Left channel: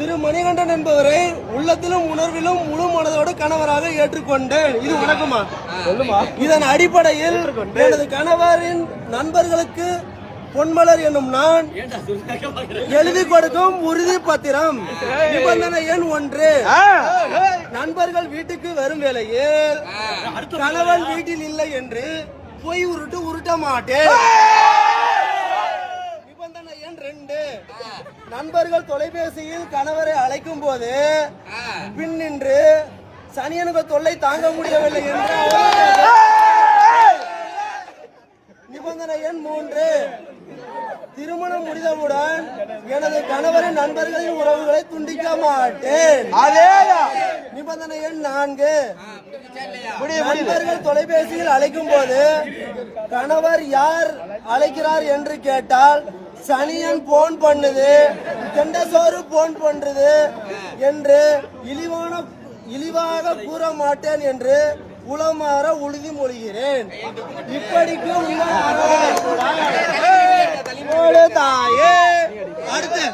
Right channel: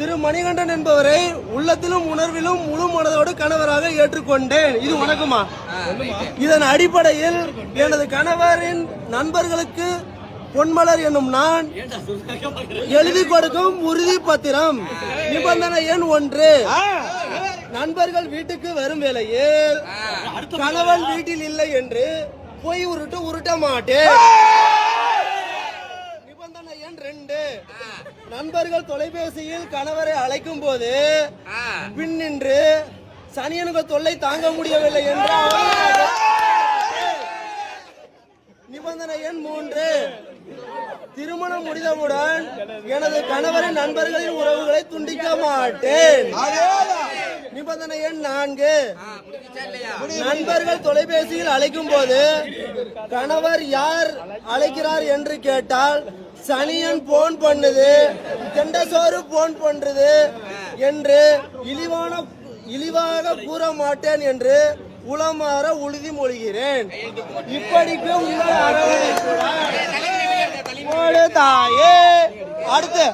திரு மணிகண்டன் என்பவரை உள்ளத்திலும் உணர்விலும் முழு மனதோடு கணவராக ஏற்றுக்கொண்டேன். இது வணக்கமா? இதன் அடிப்படையில் எனது கணவரின் நண்பர்களுக்கு பொன்மலர் என்னும் நான் எழுதி கொடுக்கும் உறுதி பத்திரம் நிபந்தனை எண் 1. நண்பர்கள் வீட்டுக்கு வரும் வேளையில் கணவன் வீட்டில் இல்லை என்று போய் உருட்ட மாட்டேன். நிபந்தனை எண் 2. நண்பர்கள் தொலைபேசியில் கணவரை அழைக்கும் போது பின் நின்று சனியனுக்கு தொல்லை தாங்க முடியவில்லை என்று நிபந்தனை எண் 3. திருமணம் முடிந்தவுடன் எனது கணவரின் நண்பர்களின் உறவுகளை துண்டிக்க மாட்டேன். நிபந்தனை எண் 4. நண்பர்கள் தொலைபேசியில் அழைக்கும் போது கணவர் யார் அழைக்கிறார் என்று கேட்டால் சனியன் போன் பண்ணுது, தெண்டசோறு போன் பண்றது என்று இழிவாக கூற மாட்டேன் என்று உளமாற உறுதி மொழிகிறேன். இப்படிக்கு உங்கள் தாயே. அடுத்து